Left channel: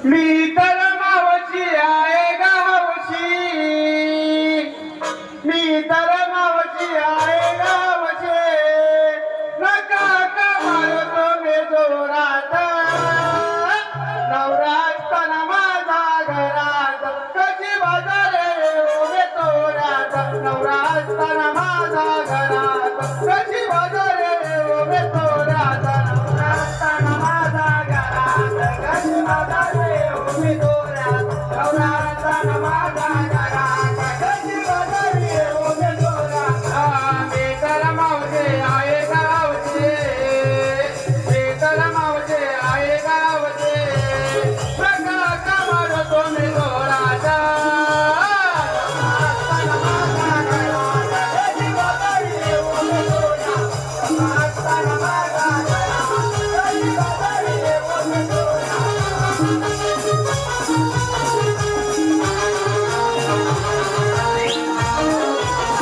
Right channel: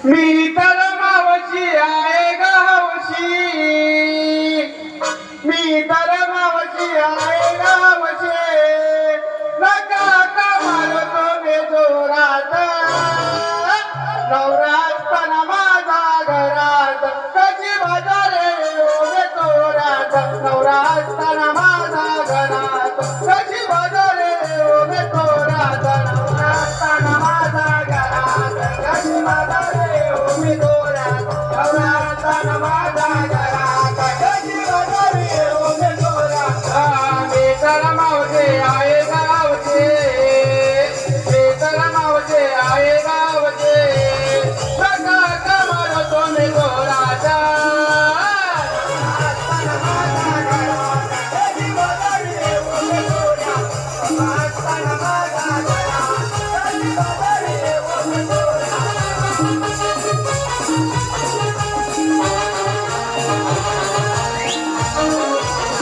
त मवी आए रवी मीत मवज़ी आए रवशे बॻा कम तो दौरात नज़ा घर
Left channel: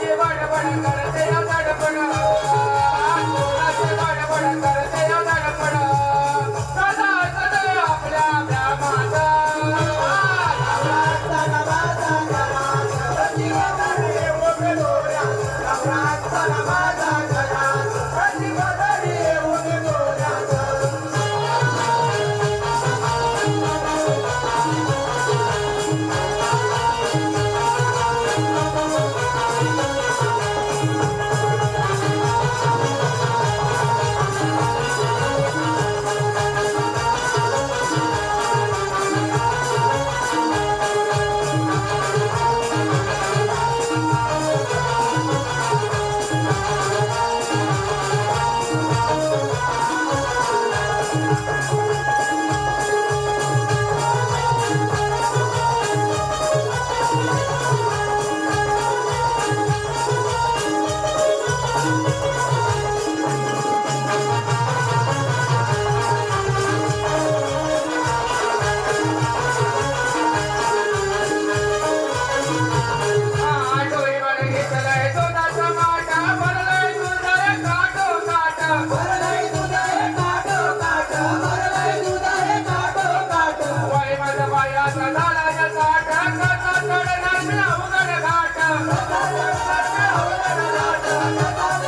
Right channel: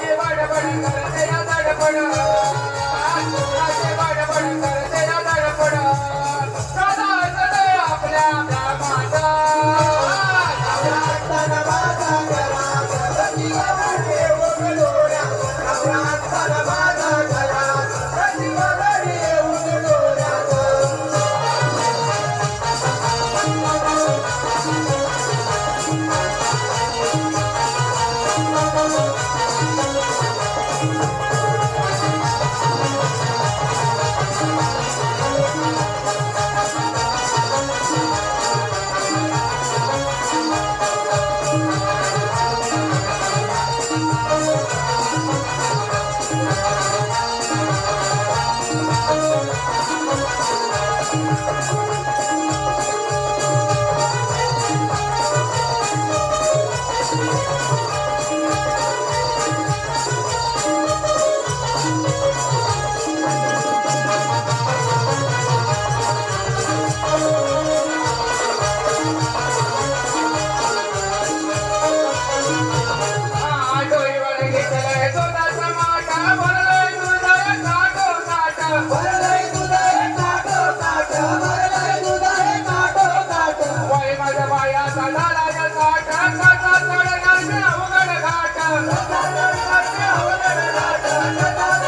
ते वाटपणा वाटपणा Oh, my God.